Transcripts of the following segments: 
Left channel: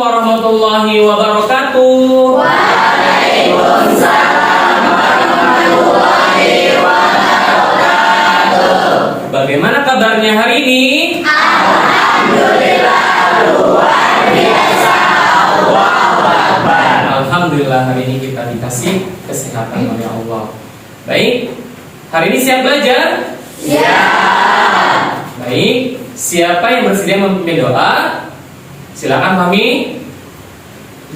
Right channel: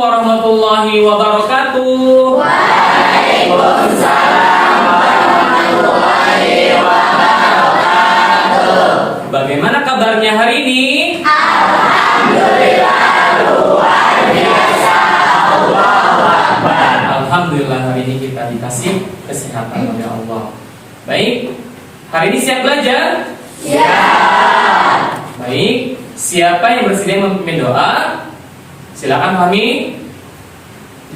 warahmatullahi wabarakatuh. Waalaikumsalam warahmatullahi wabarakatuh. Bagaimana kabarnya hari ini? Alhamdulillah luar biasa. Allahu Akbar. Alhamdulillah hari ini kita dikasih kesehatan oleh Allah. Baik, hari ini siap belajar? Siap. Baik, siapa yang bersedia memimpin doa? Silakan Fahmi.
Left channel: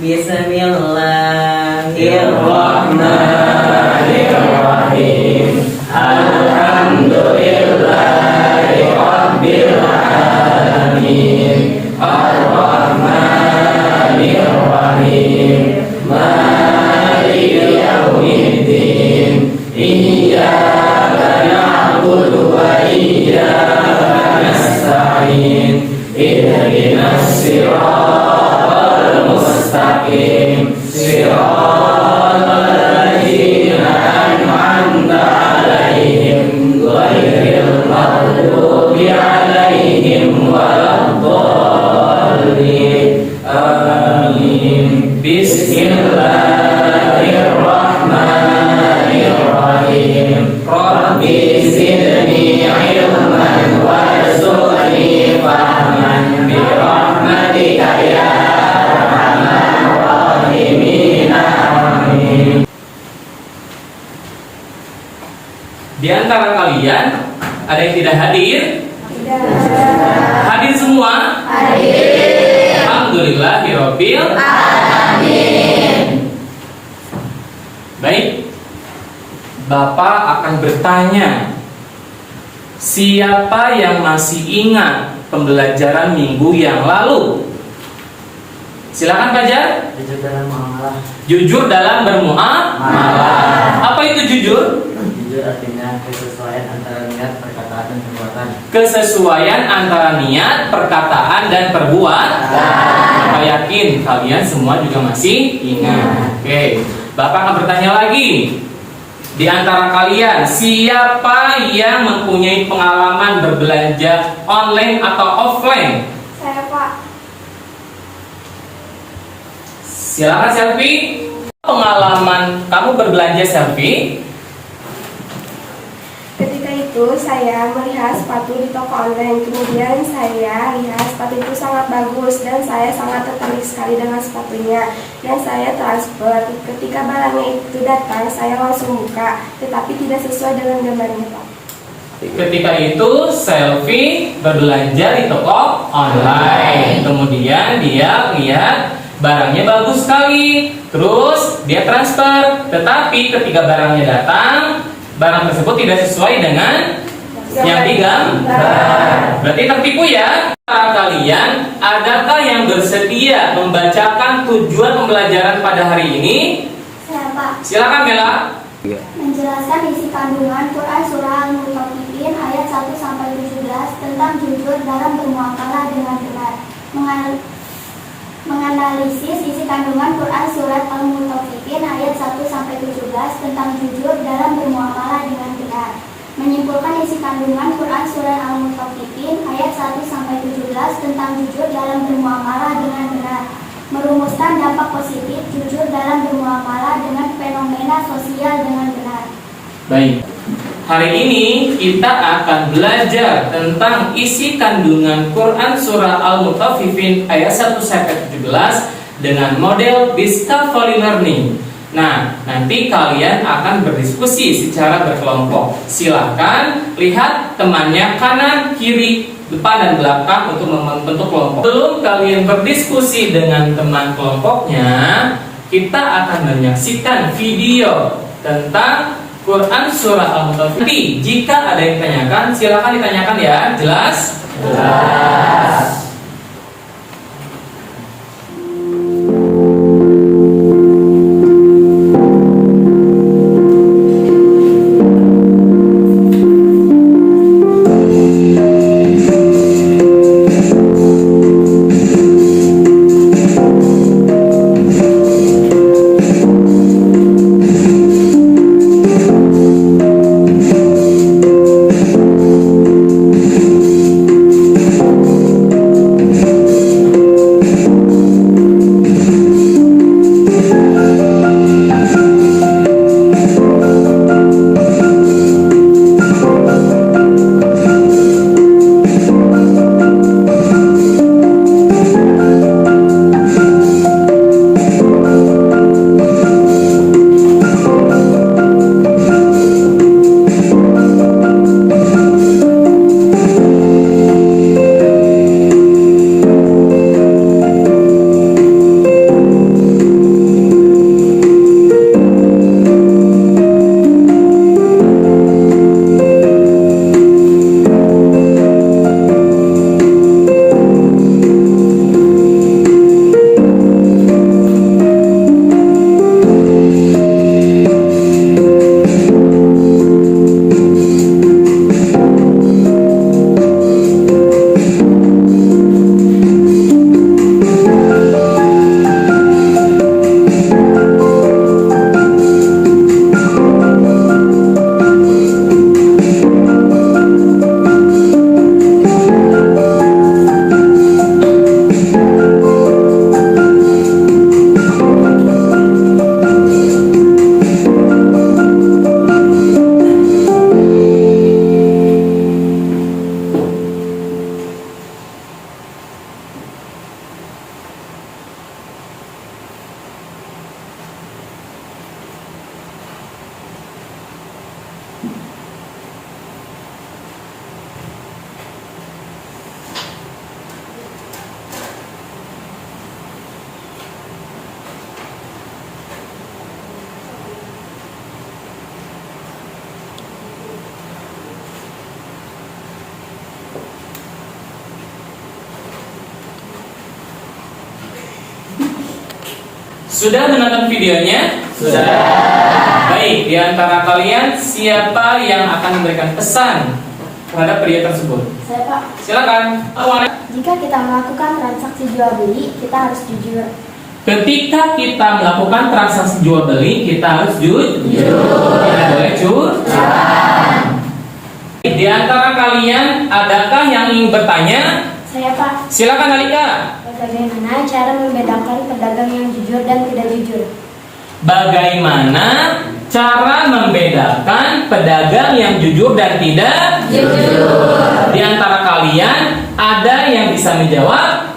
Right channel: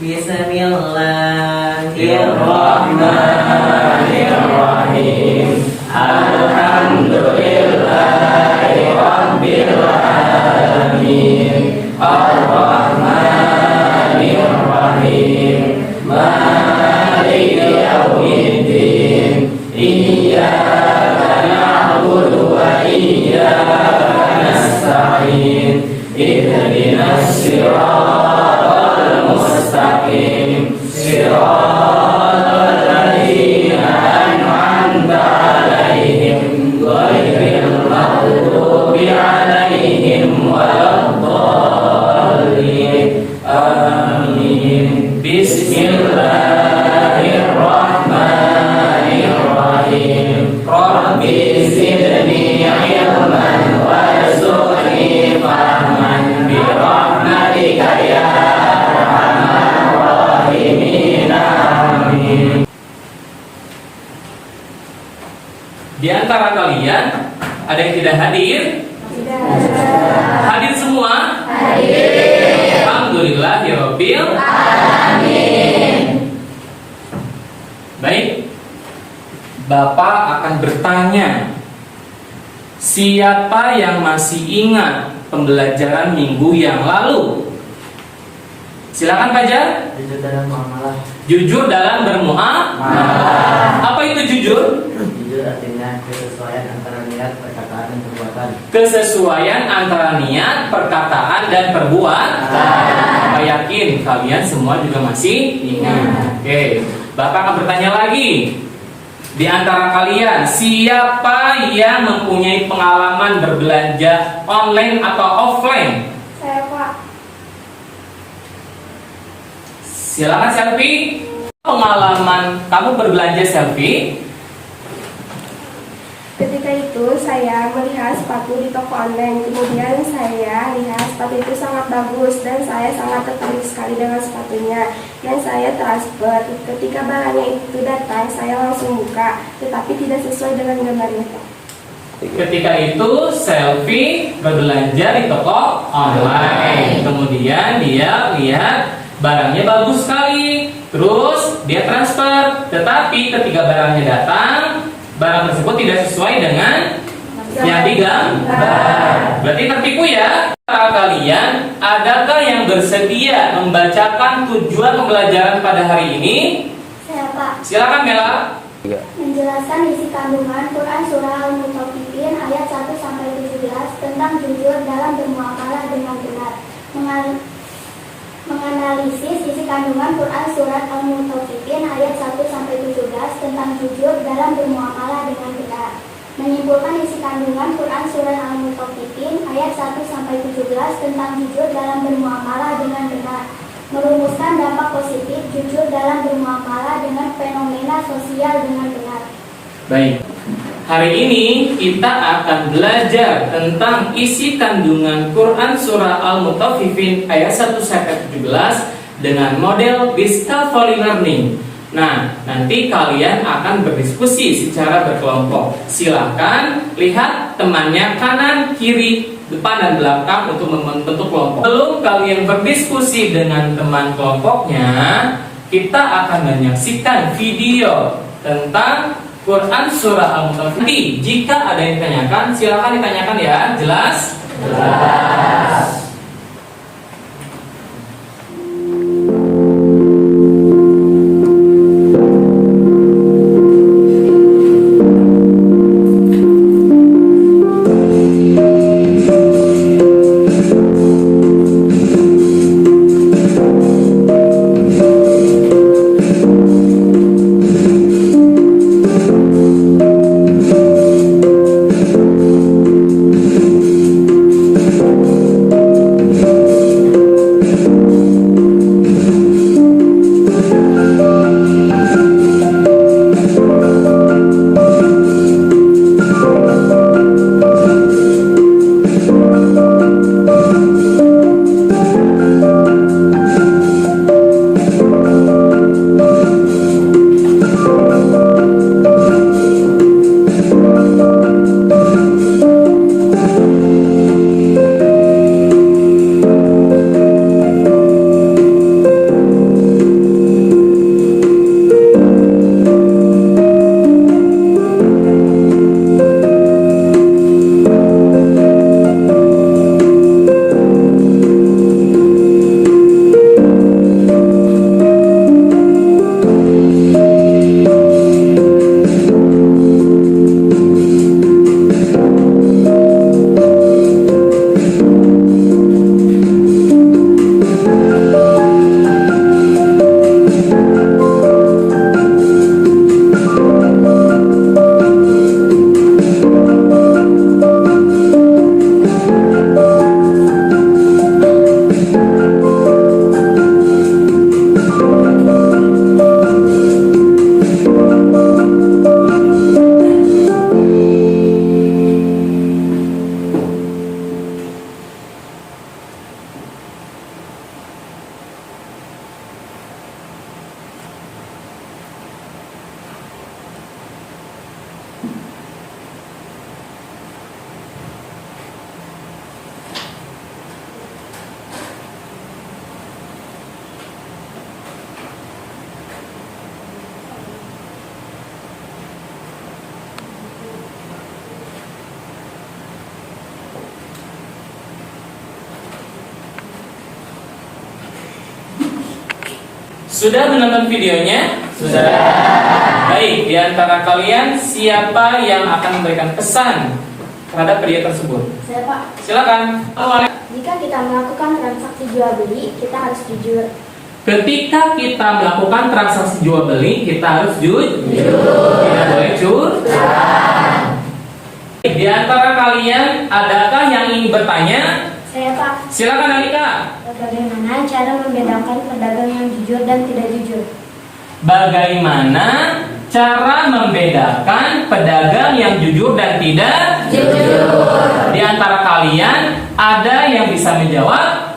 Bismillahirrahmanirrahim. Alhamdulillahirabbil alamin. Arrahmanirrahim. Maliki yaumiddin. Iyyaka na'budu wa iyyaka nasta'in. Ihdinas siratal mustaqim. Siratal ladzina an'amta 'alaihim ghairil maghdubi 'alaihim waladdallin. Amin. Bismillahirrahmanirrahim. Rabbi zidni 'ilman warzuqni fahman bi rahmatika ya arhamar rahimin. Amin. Di antara kalian ada yang tidak hadir? Hadir semua? Alhamdulillahirabbil Amin. Baik, Bapak akan bertanya, siapa yang masih ingat pembelajaran minggu yang lalu? Silakan Fajar. Jujur dalam mengalah. Jujur dalam bermuamalah. Apa itu jujur? Jujur artinya kesesuaian antara niat, perkataan, dan perbuatan. Kesesuaian antara niat, perkataan, dan perbuatan. Bapak yakin kalian semua juga masih ingat. Oke, Bapak akan bertanya lagi. Di antara kalian, siapa yang mempunyai pengalaman berbelanja online atau offline? Saya, Pak. Silakan Selfie. Pengalaman kamu berbelanja Selfie? Ketika itu saya melihat sepatu di toko online. Kemudian saya lihat sepatu itu sangat bagus dan saya sangat tertarik sekali dengan sepatunya. Dan saya transfer. Ketika barangnya itu datang, saya langsung buka, tetapi tidak sesuai dengan gambarnya, Pak. Ketika itu Selfie berbelanja di toko online. Kemudian dia lihat barangnya bagus sekali. Terus dia transfer. Tetapi ketika barangnya datang, barang tersebut tidak sesuai dengan yang digambar. Berarti tertipu ya. Kalian, adakah yang bersedia membacakan tujuan pembelajaran pada hari ini? Saya, Pak. Silakan Mela. Menjelaskan isi kandungan Quran Surah Al-Mutaffifin ayat 1-17 tentang jujur dalam bermuamalah dengan benar. Menganalisis isi kandungan Quran Surat Al-Mutaffifin ayat 1-17 tentang jujur dalam bermuamalah dengan benar. Menyimpulkan isi kandungan Quran Surat Al-Mutaffifin ayat 1-17 tentang jujur dalam bermuamalah dengan benar. Merumuskan dampak positif jujur dalam bermuamalah dengan fenomena sosial dengan benar. Baik, hari ini kita akan belajar tentang isi kandungan Quran Surah Al-Mutaffifin ayat 1-17 dengan model Discovery Learning. Nah, nanti kalian akan berdiskusi secara berkelompok. Silakan lihat temannya kanan, kiri, depan, dan belakang untuk membentuk kelompok. Sebelum kalian berdiskusi dengan teman kelompoknya, kita akan menyaksikan video tentang Quran Surah Al-Mutaffifin. Jika ada yang ditanyakan, silakan ditanyakan ya. Jelas? Jelas. Sudah menonton videonya? Sudah. Baik, di antara kalian siapa yang akan memberikan pesan terhadap pria tersebut? Saya, Pak. Silakan. Awalnya. Jika kita melakukan transaksi jual beli, kita harus jujur. Ketika kita melakukan transaksi jual beli, kita harus jujur. Tidak boleh curang. Di antara kalian, adakah yang ingin bertanya? Saya, Pak. Silakan Alika. Bagaimana cara membedakan pedagang yang jujur dan tidak jujur? Bagaimana cara membedakan pedagang yang jujur dan tidak jujur? Di antara kalian, ada yang bisa menjawab?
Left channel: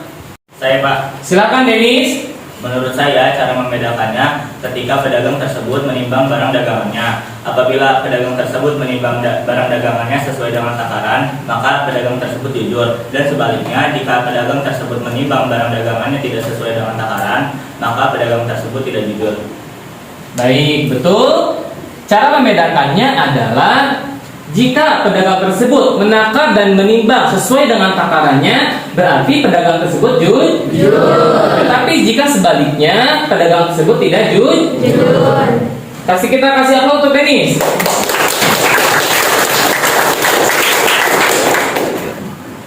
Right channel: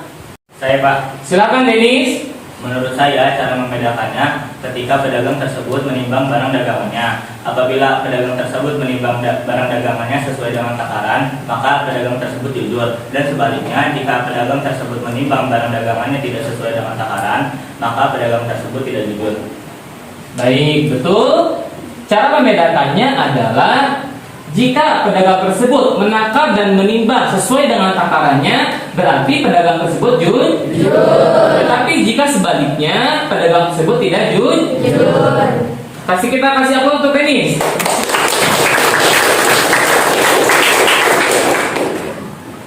Saya, Pak. Silakan Denis. Menurut saya, cara membedakannya ketika pedagang tersebut menimbang barang dagangannya. Apabila pedagang tersebut menimbang barang dagangannya sesuai dengan takaran, maka pedagang tersebut jujur. Dan sebaliknya, jika pedagang tersebut menimbang barang dagangannya tidak sesuai dengan takaran, maka pedagang tersebut tidak jujur. Baik, betul. Cara membedakannya adalah jika pedagang tersebut menakar dan menimbang sesuai dengan takarannya, berarti pedagang tersebut jujur. Tetapi jika sebaliknya, pedagang tersebut tidak jujur. Kita kasih aplaus untuk Denis.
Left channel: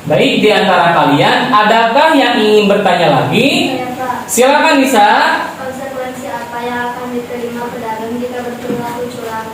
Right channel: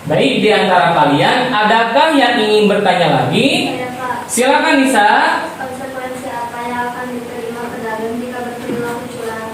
Baik, di antara kalian, adakah yang ingin bertanya lagi? Saya, Pak. Silakan Nisa. Konsekuensi apa yang akan diterima pedagang jika berperilaku curang?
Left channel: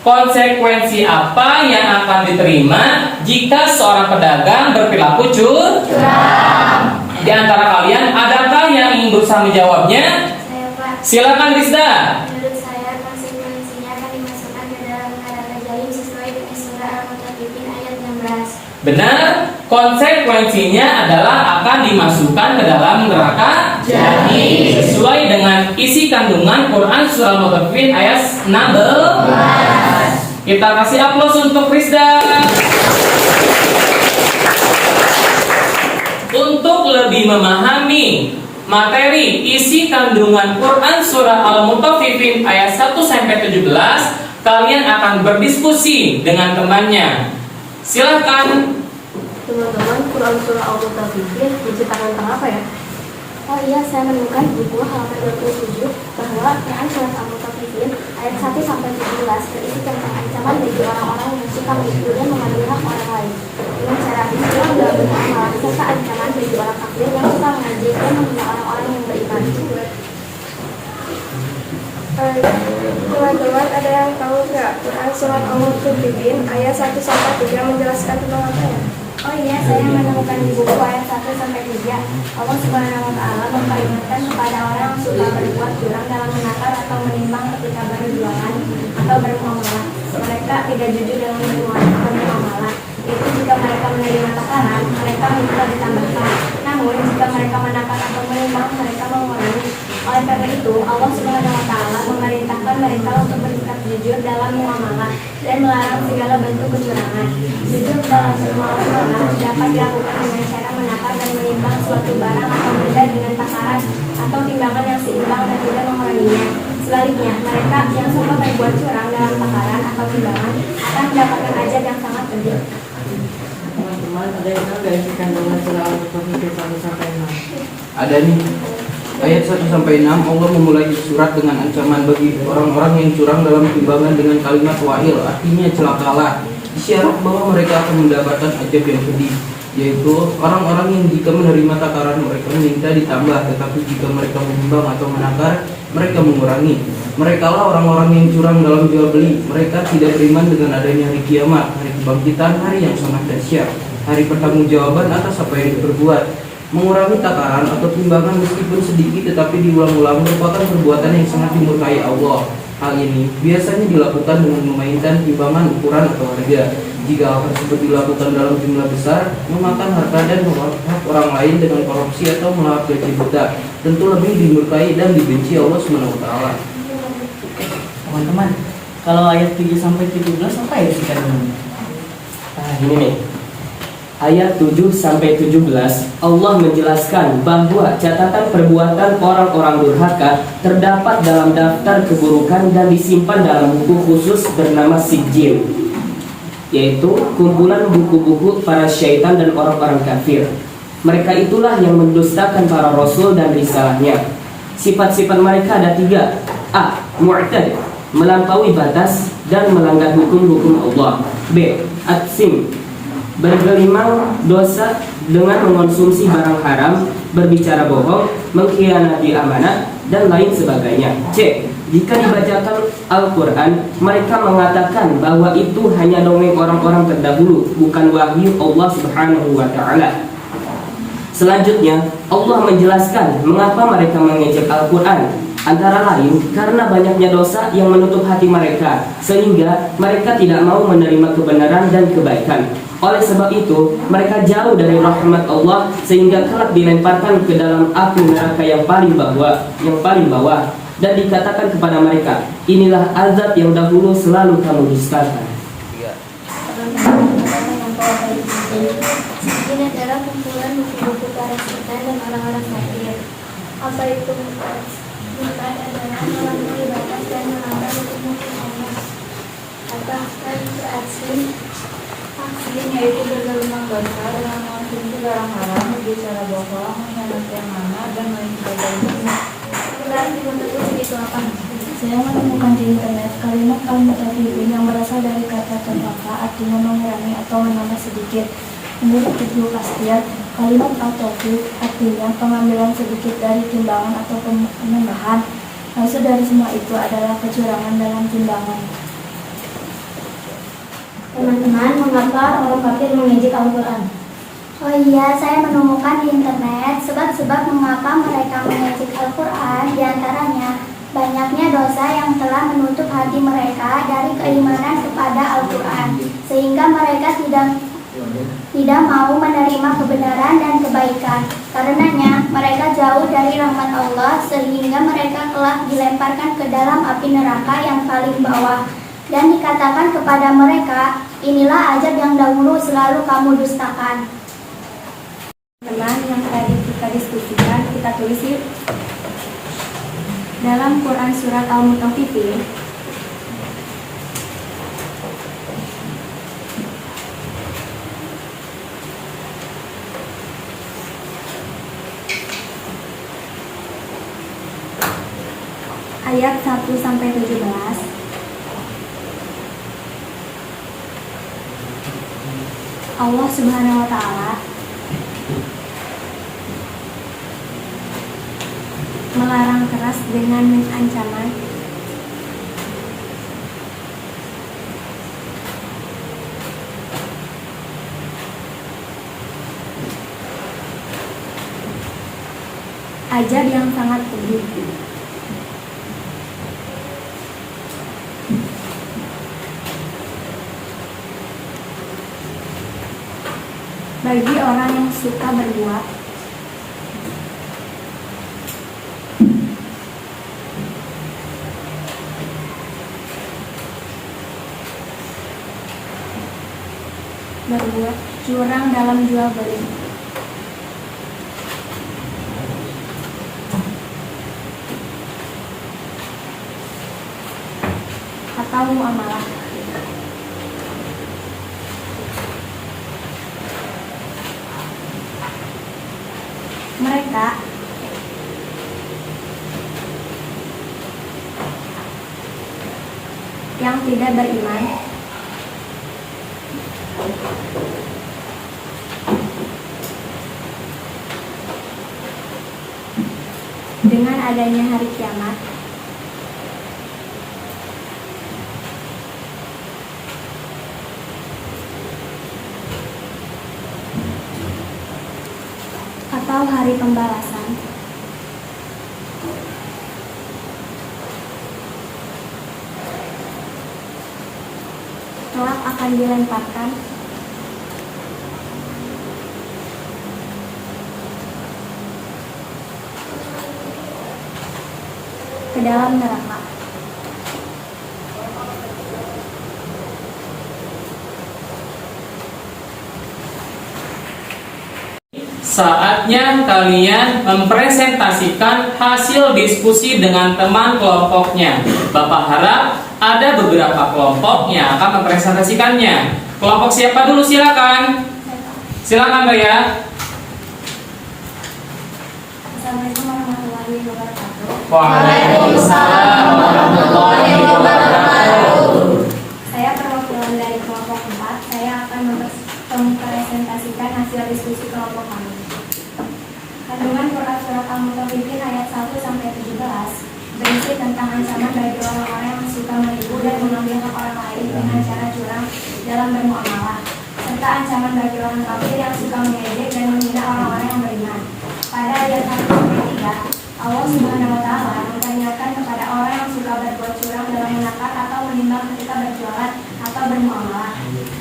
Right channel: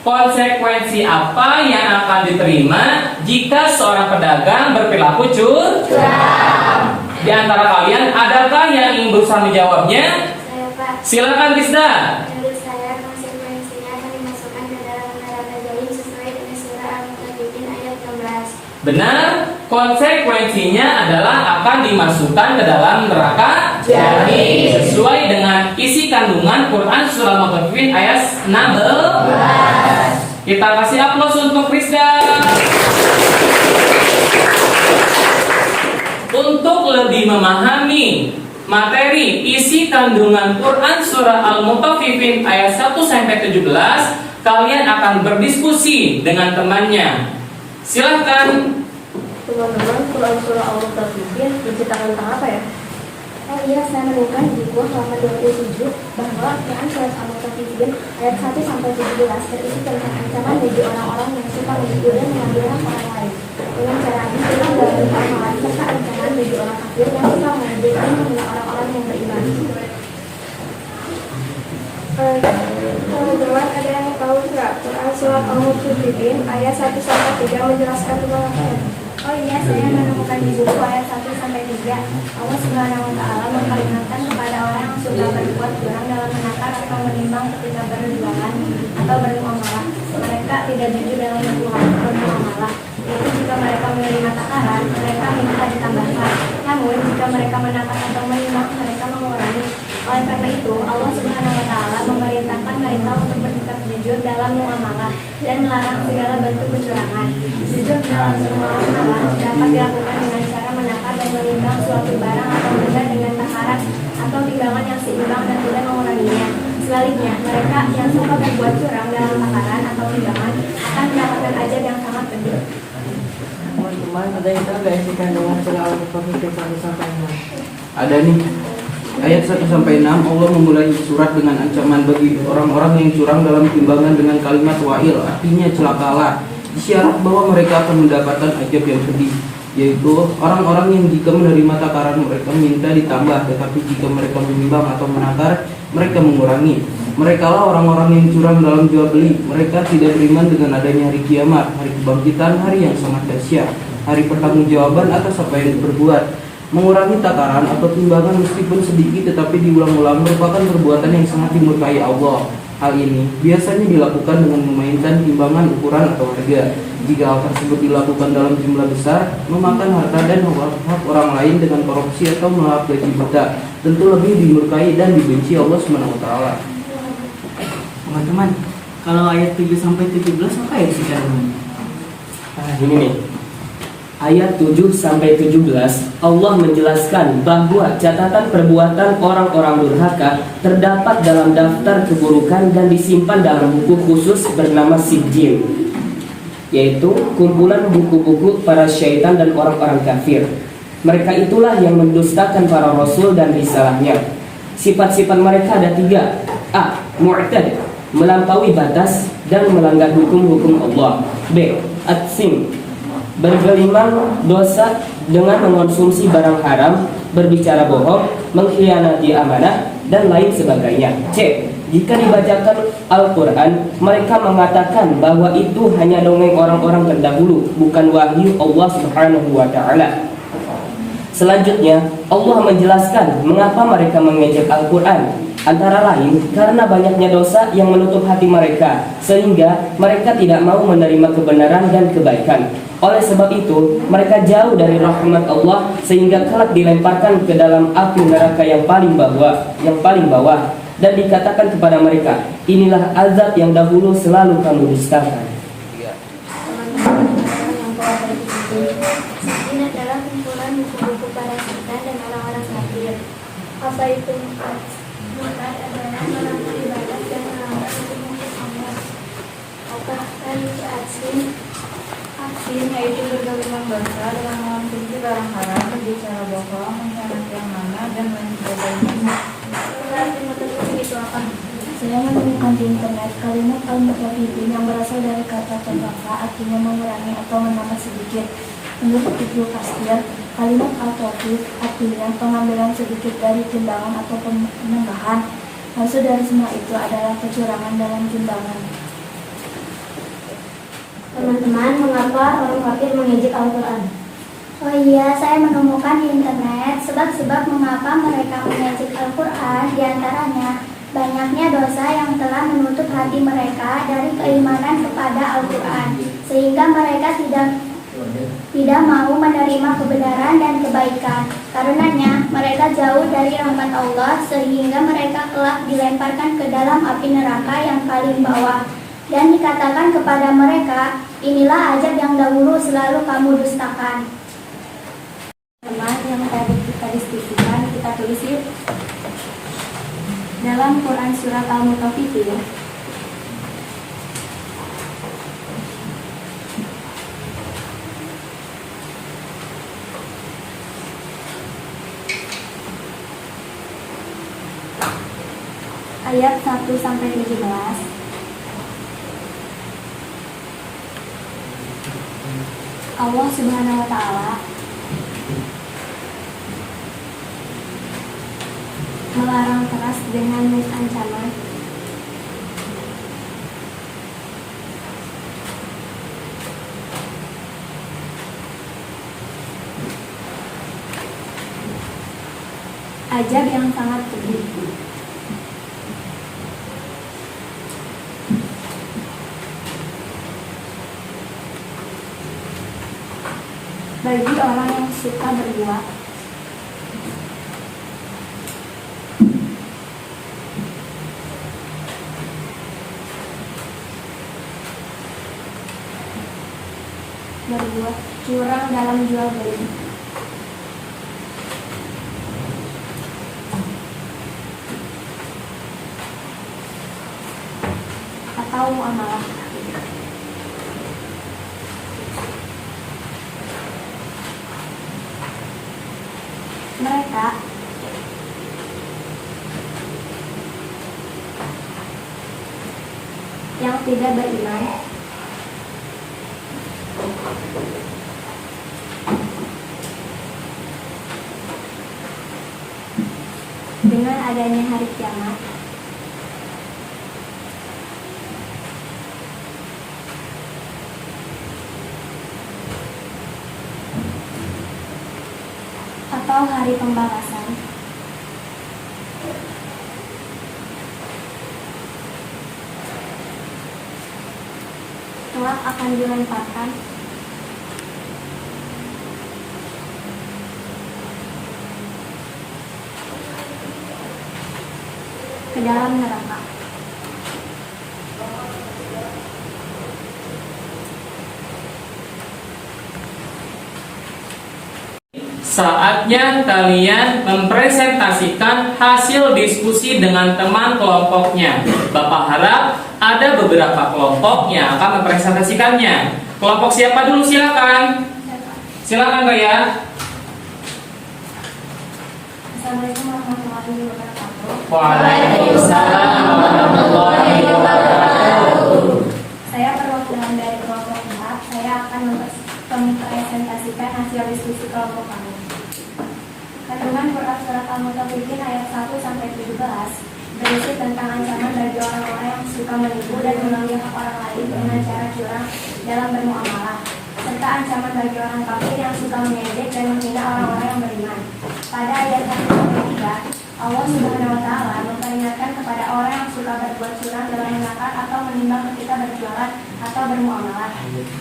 Konsekuensi apa yang akan diterima jika seorang pedagang berperilaku curang? Di antara kalian, adakah yang ingin berusaha menjawabnya? Saya, Pak. Silakan Rizda. Menurut saya, konsekuensinya akan dimasukkan ke dalam neraka jahim sesuai dengan surah Al-Mutaffifin ayat 16. Benar, konsekuensinya adalah akan dimasukkan ke dalam neraka jahim sesuai dengan isi kandungan Quran surah Al-Mutaffifin ayat 16. Kita kasih aplaus untuk Rizda. Untuk lebih memahami materi isi kandungan Quran surah Al-Mutaffifin ayat 1-17, kalian akan berdiskusi dengan temannya. Silahkan. Teman-teman, Quran surah Al-Mutaffifin diciptakan tentang apa ya? Oh iya, saya menemukan di buku halaman 27 bahwa Quran surat Al-Mutaffifin ayat 1-17 berisi tentang ancaman bagi orang-orang yang suka menipu dan mengambil hak orang lain dengan cara disiram dalam amalan, serta ancaman bagi orang kafir yang suka mengejek dan menghina orang-orang yang beriman. Teman-teman, ada yang tahu nggak Quran surat Al-Mutaffifin ayat 1-3 menjelaskan tentang apa ya? Oh iya, saya menemukan di buku ayat 1-3 Allah Subhanahu wa Ta'ala memperingatkan kepada orang yang suka berbuat curang dalam menakar atau menimbang ketika berjualan atau bermuamalah. Mereka tidak jujur dalam bermuamalah, yaitu jika mereka menerima takaran, mereka minta ditambahkan. Namun jika mereka menakar atau menimbang, mereka mengurangi. Oleh karena itu, Allah Subhanahu wa Ta'ala memerintahkan mereka untuk bersikap jujur dalam muamalah dan melarang segala bentuk kecurangan. Jujur dalam bermuamalah dapat dilakukan dengan cara menakar dan menimbang suatu barang atau benda dengan takaran atau timbangan yang seimbang dan tidak menguranginya. Sebaliknya, mereka yang suka berbuat curang dalam takaran atau timbangan akan mendapatkan azab yang sangat pedih. Teman-teman, ada yang tahu dari kandungan surah Al-Mutaffifin 1-6? Ada nih. Ayat 1-6 Allah memulai surat dengan ancaman bagi orang-orang yang curang dalam timbangan dengan kalimat wa'il, artinya celakalah. Isyarat bahwa mereka akan mendapatkan azab yang pedih, yaitu orang-orang yang jika menerima takaran mereka minta ditambah, tetapi jika mereka menimbang atau menakar mereka mengurangi. Merekalah orang-orang yang curang dalam jual beli. Mereka tidak beriman dengan adanya hari kiamat, hari kebangkitan, hari yang sangat dahsyat, hari pertanggungjawaban atas apa yang diperbuat. Mengurangi takaran atau timbangan meskipun sedikit tetapi diulang-ulang merupakan perbuatan yang sangat dimurkai Allah. Hal ini biasanya dilakukan dengan memainkan timbangan, ukuran, atau harga. Jika hal tersebut dilakukan dalam jumlah besar, memakan harta dan hak orang lain dengan korupsi atau melahap gaji buta, tentu lebih dimurkai dan dibenci Allah SWT. Teman-teman, kalau ayat 7-17 apa ya sih kandungannya? Ini nih. Ayat 7-17 Allah menjelaskan bahwa catatan perbuatan orang-orang durhaka terdapat dalam daftar keburukan dan disimpan dalam buku khusus bernama Sijil, yaitu kumpulan buku-buku para syaitan dan orang-orang kafir. Mereka itulah yang mendustakan para rasul dan risalahnya. Sifat-sifat mereka ada 3. A. Mu'tad, melampaui batas dan melanggar hukum-hukum Allah. B. Atsim, bergelimang dosa dengan mengonsumsi barang haram, berbicara bohong, mengkhianati amanat, dan lain sebagainya. C. Jika dibacakan Al-Quran, mereka mengatakan bahwa itu hanya dongeng orang-orang terdahulu, bukan wahyu Allah Subhanahu wa Ta'ala. Selanjutnya, Allah menjelaskan mengapa mereka mengejek Al-Quran. Antara lain, karena banyaknya dosa yang menutup hati mereka, sehingga mereka tidak mau menerima kebenaran dan kebaikan. Oleh sebab itu, mereka jauh dari rahmat Allah, sehingga kelak dilemparkan ke dalam api neraka yang paling bawah. Dan dikatakan kepada mereka, inilah azab yang dahulu selalu kamu dustakan. Ini adalah kumpulan buku-buku para setan dan orang-orang kafir. Apa itu murtad? Murtad adalah melampaui batas dan melanggar hukum-hukum Allah. Apakah itu atsim? Atsim yaitu bergelimang dosa dengan mengonsumsi barang haram, berbicara bohong, mengkhianati amanat, dan lain sebagainya. Berarti mutaffifin itu apa? Saya menemukan di internet kalimat al-mutaffifin yang berasal dari kata taffafa, artinya mengurangi atau menambah sedikit. Menurut Ibnu Katsir, kalimat al-taufif artinya pengambilan sedikit dari timbangan atau penambahan. Maksud dari semua itu adalah kecurangan dalam timbangan. Teman-teman, mengapa orang kafir mengejek Al-Quran? Oh iya, saya menemukan di internet sebab-sebab mengapa mereka mengejek Al-Quran. Di antaranya, banyaknya dosa yang telah menutup hati mereka dari keimanan kepada Al-Quran, sehingga mereka tidak mau menerima kebenaran dan kebaikan. Karenanya, mereka jauh dari rahmat Allah, sehingga mereka telah dilemparkan ke dalam api neraka yang paling bawah. Dan dikatakan kepada mereka, inilah azab yang dahulu selalu kamu dustakan. Teman yang tadi kita diskusikan, kita tulis yuk. Dalam Quran surat Al-Mutaffifin ayat 1-17, Allah Subhanahu wa Ta'ala melarang keras dengan ancaman azab yang sangat pedih. Bagi orang yang suka berbuat curang dalam jual beli atau muamalah. Mereka yang tidak beriman dengan adanya hari kiamat atau hari pembalasan, kelak akan dilemparkan ke dalam neraka. Saatnya kalian mempresentasikan hasil diskusi dengan teman kelompoknya. Bapak harap ada beberapa kelompok yang akan mempresentasikannya. Kelompok siapa dulu, silakan. Silakan, Mbak ya. Assalamualaikum warahmatullahi wabarakatuh. Waalaikumsalam warahmatullahi wabarakatuh. Saya perwakilan dari kelompok 4. Saya akan mempresentasikan hasil diskusi kelompok kami. Kandungan Quran Surat Al-Mutaffifin ayat 1-17 berisi tentang ancaman bagi orang-orang yang suka menipu dan mengambil hak orang lain dengan cara curang dalam bermuamalah, serta ancaman bagi orang kafir yang suka mengejek dan menghina orang-orang yang beriman. Pada ayat 1-3, Allah Subhanahu wa Ta'ala memperingatkan kepada orang yang suka berbuat curang dalam menakar atau menimbang ketika berjualan atau bermuamalah.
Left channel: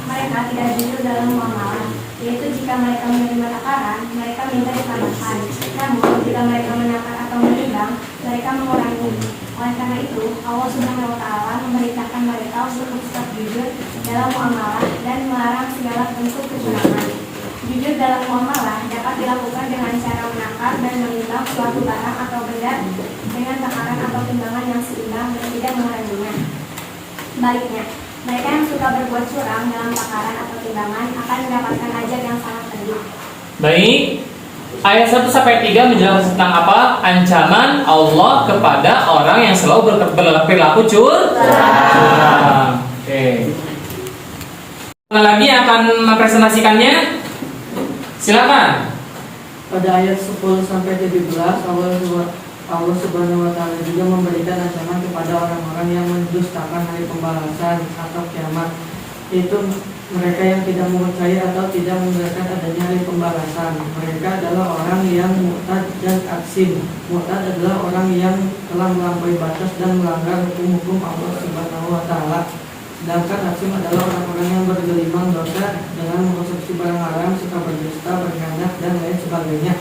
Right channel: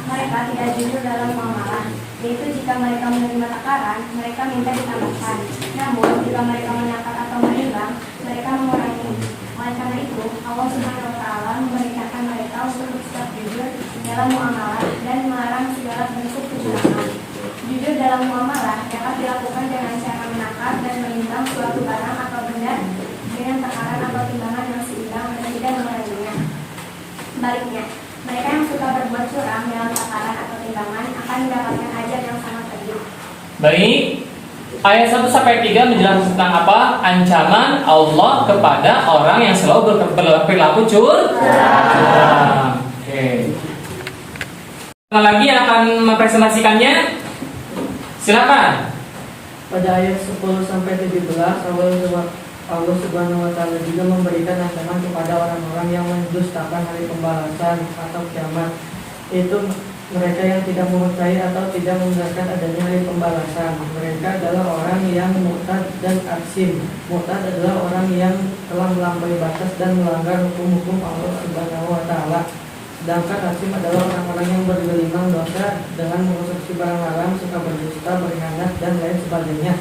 Mereka tidak jujur dalam muamalah, yaitu jika mereka menerima takaran, mereka minta ditambahkan. Namun, jika mereka menakar atau menimbang, mereka mengurangi. Oleh karena itu, Allah Subhanahu wa Ta'ala memerintahkan mereka untuk tetap jujur dalam muamalah dan melarang segala bentuk kecurangan. Jujur dalam muamalah dapat dilakukan dengan cara menakar dan menimbang suatu barang atau benda dengan takaran atau timbangan yang seimbang dan tidak menguranginya. Baliknya, mereka yang suka berbuat curang dalam takaran atau timbangan akan mendapatkan ajab yang sangat pedih. Baik, ayat 1-3 menjelaskan tentang apa? Ancaman Allah kepada orang yang selalu berperilaku curang. Oke. Lagi yang akan mempresentasikannya? Silakan. Pada ayat 10-17 Allah Subhanahu wa Ta'ala juga memberikan ancaman kepada orang-orang yang mendustakan hari pembalasan atau kiamat, yaitu mereka yang tidak mengetahui atau tidak membenarkan adanya hari pembalasan. Mereka adalah orang yang murtad dan aksim. Murtad adalah orang yang telah melampaui batas dan melanggar hukum-hukum Allah Subhanahu wa Ta'ala. Sedangkan aksim adalah orang-orang yang bergelimang dosa dengan mengkonsumsi barang haram, suka berdusta, berkhianat, dan lain sebagainya.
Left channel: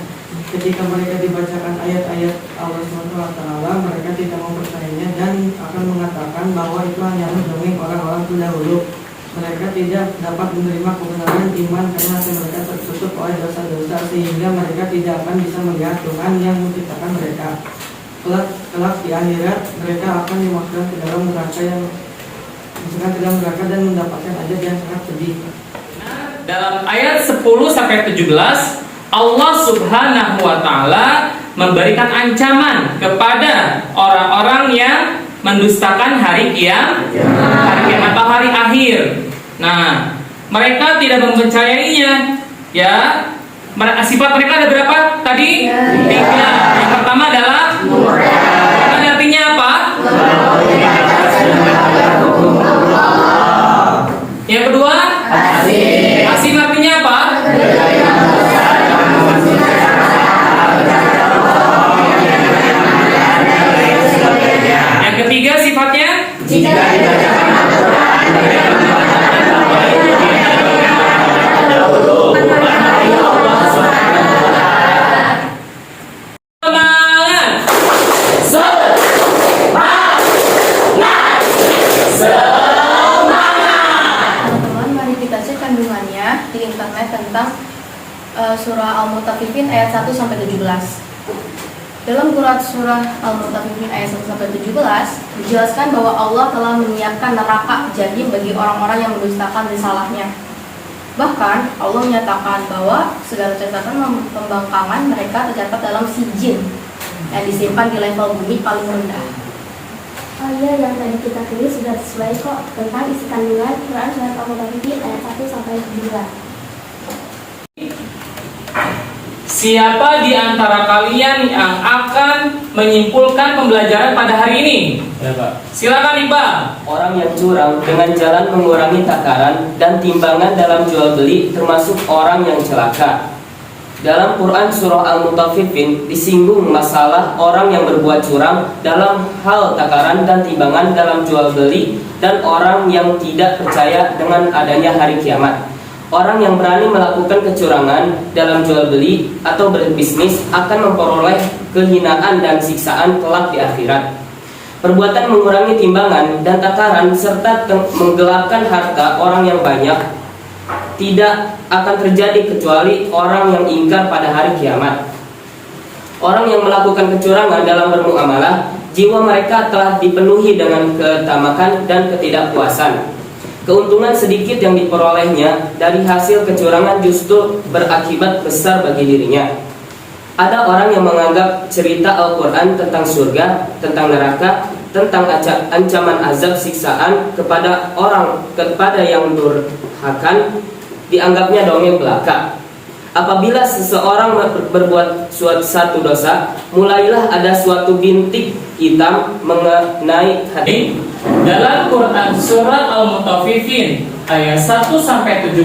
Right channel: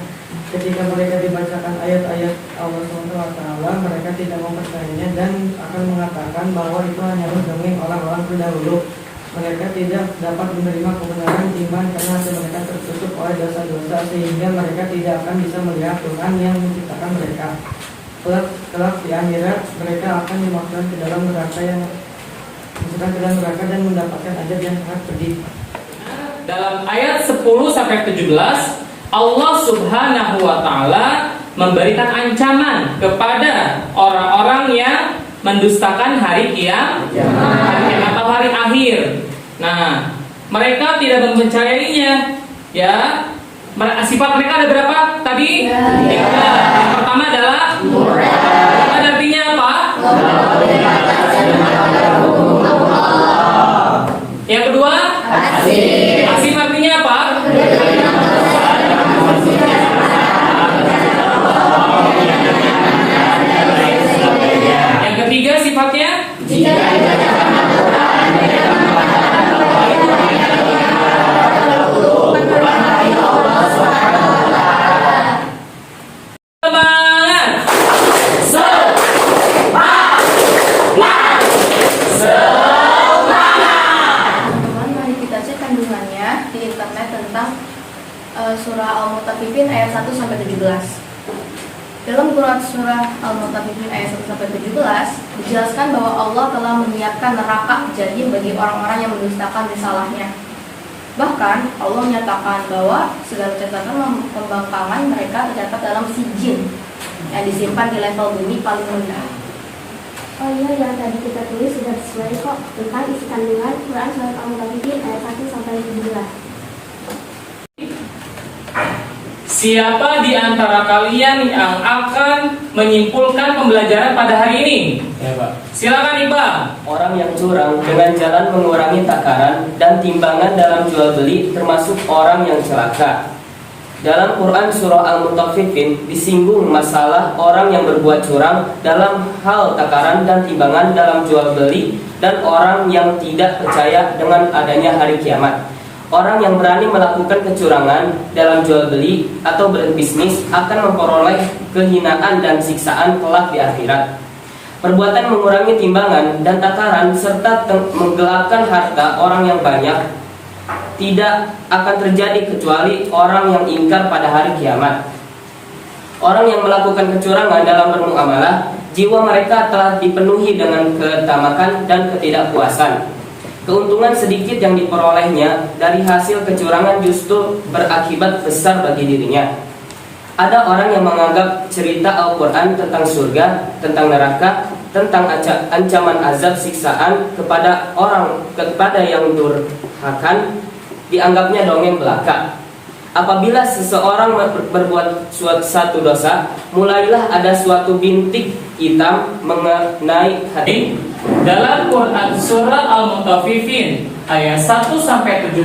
Ketika mereka dibacakan ayat-ayat Allah SWT, mereka tidak mempercayainya dan akan mengatakan bahwa itu hanya dongeng orang-orang terdahulu. Mereka tidak dapat menerima kebenaran iman karena hati mereka tertutup oleh dosa-dosa, sehingga mereka tidak akan bisa melihat Tuhan yang menciptakan mereka. Kelak di akhirat mereka akan dimasukkan ke dalam neraka dan mendapatkan azab yang sangat pedih. Dalam ayat 10-17 Allah Subhanahu wa Ta'ala memberikan ancaman kepada orang-orang yang mendustakan hari kiamat atau hari akhir. Nah, mereka tidak mempercayainya. Ya, sifat mereka ada berapa tadi? Yang pertama adalah artinya apa? Yang kedua, asim artinya apa? Yang ketiga sifatnya di internet tentang surah Al-Mutaffifin ayat 1-17. Dalam Quran surah Al-Mutaffifin ayat 1-17 dijelaskan bahwa Allah telah menyiapkan neraka jahim bagi orang-orang yang mendustakan risalahnya. Bahkan Allah menyatakan bahwa segala catatan pembangkangan mereka tercatat dalam sijin yang disimpan di level bumi paling rendah. Oh iya, yang tadi kita tulis sudah sesuai kok tentang isi kandungan Quran Surat Al-Mutaffifin ayat 1-17. Siapa di antara kalian yang akan menyimpulkan pembelajaran pada hari ini? Ya, Pak. Silakan, Iqbal. Orang yang curang dengan jalan mengurangi takaran dan timbangan dalam jual beli termasuk orang yang celaka. Dalam Quran surah Al-Mutaffifin disinggung masalah orang yang berbuat curang dalam hal takaran dan timbangan dalam jual beli dan orang yang tidak percaya dengan adanya hari kiamat. Orang yang berani melakukan kecurangan dalam jual beli atau berbisnis akan memperoleh kehinaan dan siksaan kelak di akhirat. Perbuatan mengurangi timbangan dan takaran serta menggelapkan harta orang yang banyak tidak akan terjadi kecuali orang yang ingkar pada hari kiamat. Orang yang melakukan kecurangan dalam bermuamalah, jiwa mereka telah dipenuhi dengan ketamakan dan ketidakpuasan. Keuntungan sedikit yang diperolehnya dari hasil kecurangan justru berakibat besar bagi dirinya. Ada orang yang menganggap cerita Al-Quran tentang surga, tentang neraka, tentang ancaman azab siksaan kepada yang durhakan dianggapnya dongeng belaka. Apabila seseorang berbuat suatu dosa, mulailah ada suatu bintik hitam mengenai hati. Dalam Quran surah Al-Mutaffifin ayat 1-17,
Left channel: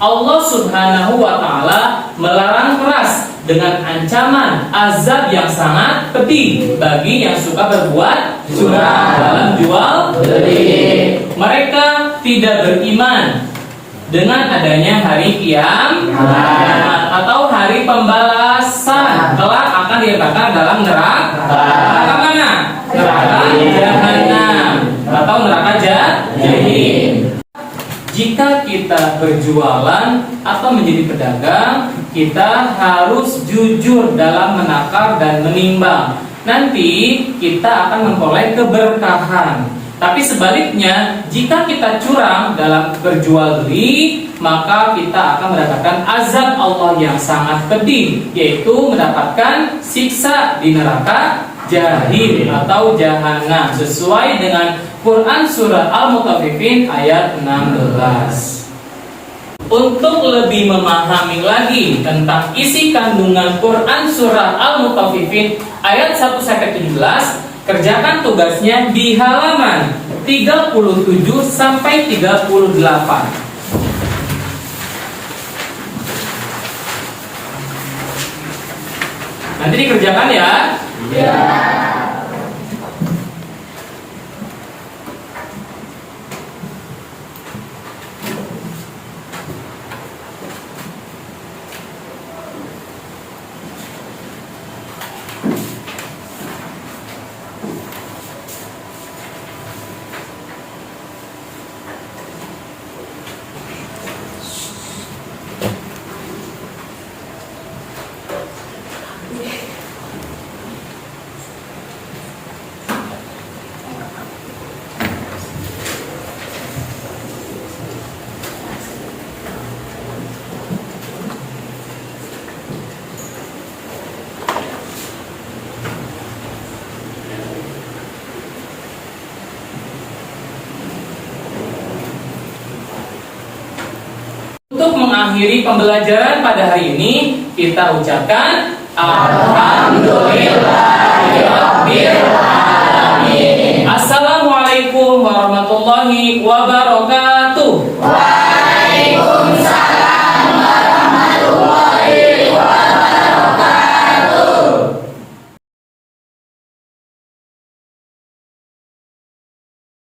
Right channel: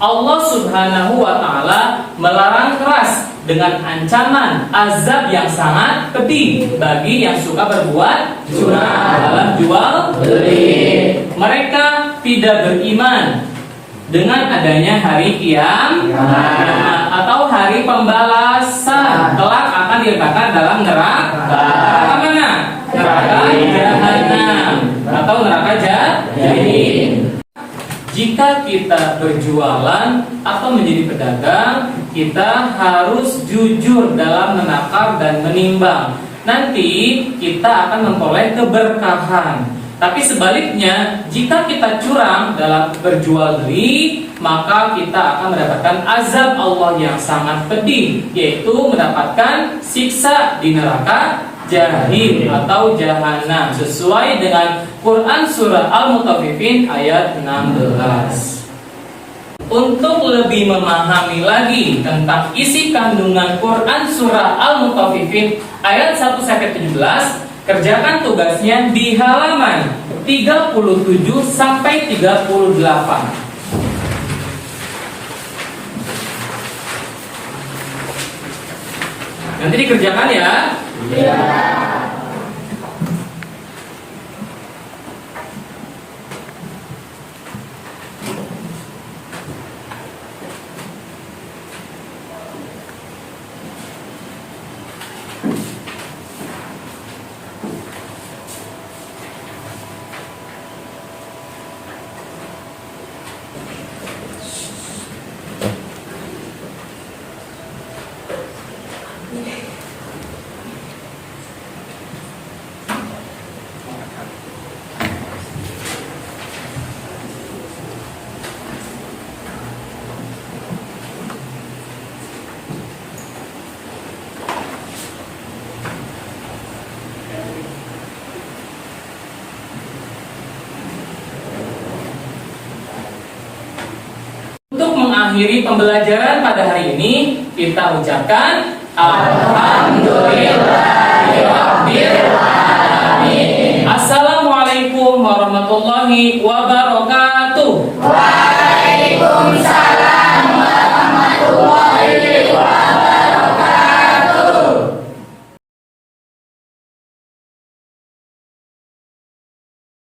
Allah Subhanahu wa taala melarang keras dengan ancaman azab yang sangat pedih bagi yang suka berbuat curang dalam jual beli. Mereka tidak beriman dengan adanya hari kiamat atau hari pembalasan, kelak akan diletakkan dalam neraka. Neraka mana? Neraka jahanam atau neraka jahim. Jika kita berjualan atau menjadi pedagang, kita harus jujur dalam menakar dan menimbang. Nanti kita akan memperoleh keberkahan. Tapi sebaliknya, jika kita curang dalam berjual beli, maka kita akan mendapatkan azab Allah yang sangat pedih, yaitu mendapatkan siksa di neraka jahim atau jahanam, sesuai dengan Quran surah Al-Mutaffifin ayat 16. Untuk lebih memahami lagi tentang isi kandungan Quran surah Al-Mutaffifin ayat 1-17, kerjakan tugasnya di halaman 37-38. Nanti dikerjakan ya. Ya. Untuk mengakhiri pembelajaran pada hari ini, kita ucapkan Alhamdulillahirobbilalamin. Assalamualaikum warahmatullahi wabarakatuh.